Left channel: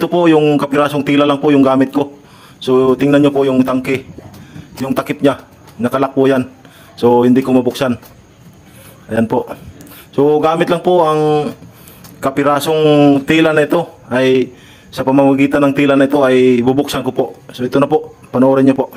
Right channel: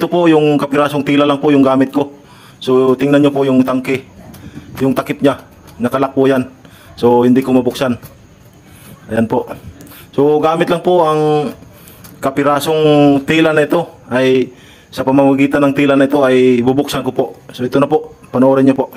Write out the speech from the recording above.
ito po yung kapirasong tila lang po yung gamit ko. So tingnan nyo po yung tangke, yung takip niya, nakalak po yan. So hindi ko mabuksan. Ayan po. So gamit lang po ang kapirasong tila na ito, ay sa pamamagitan ng tila na ito ay bubuksan ko po. So ito na po, panoorin nyo po.